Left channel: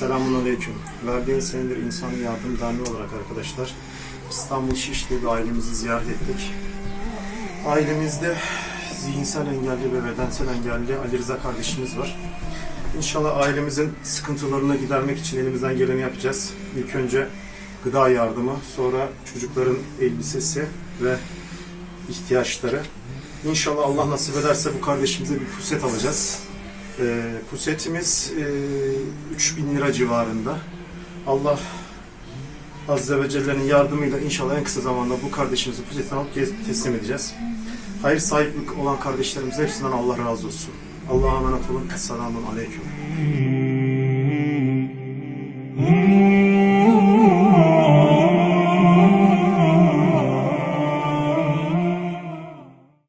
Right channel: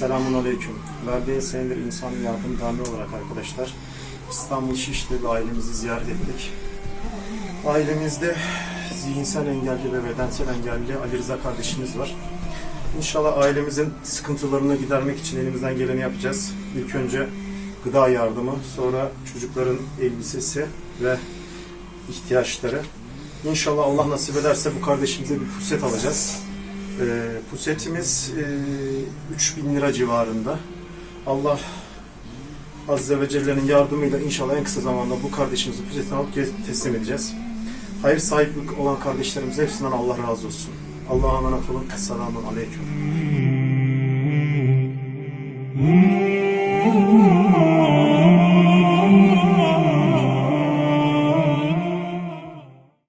Selamun Aleyküm. Verdiğin senedir İnsan Yardım Derneği olarak arkadaşlar İstanbul Şişli bir ailemizi ziyaret ettik. Ailemizde zihinsel engelli ve bedensel engelli Ali Rıza kardeşimiz var. İnşallah ailemizin sıkıntılarını gidermek için elimizden geleni yapacağız. İlk önce gıda yardımı, sonra çocukların elbisesi ve ihtiyaçları. İnşallah Allah nasip ederse bu kardeşimize bir puset alacağız. Ee, pusetimiz e, 3000 lira civarında. Allah Azze ve Celle'nin yardımıyla inşallah en kısa zamanda bu kardeşimizi pusetini alıp teslim edeceğiz. Hayır sahiplik olan kardeşlerimiz hepsinden Allah razı olsun. Allah'a emanet olun. Esselamun Aleyküm.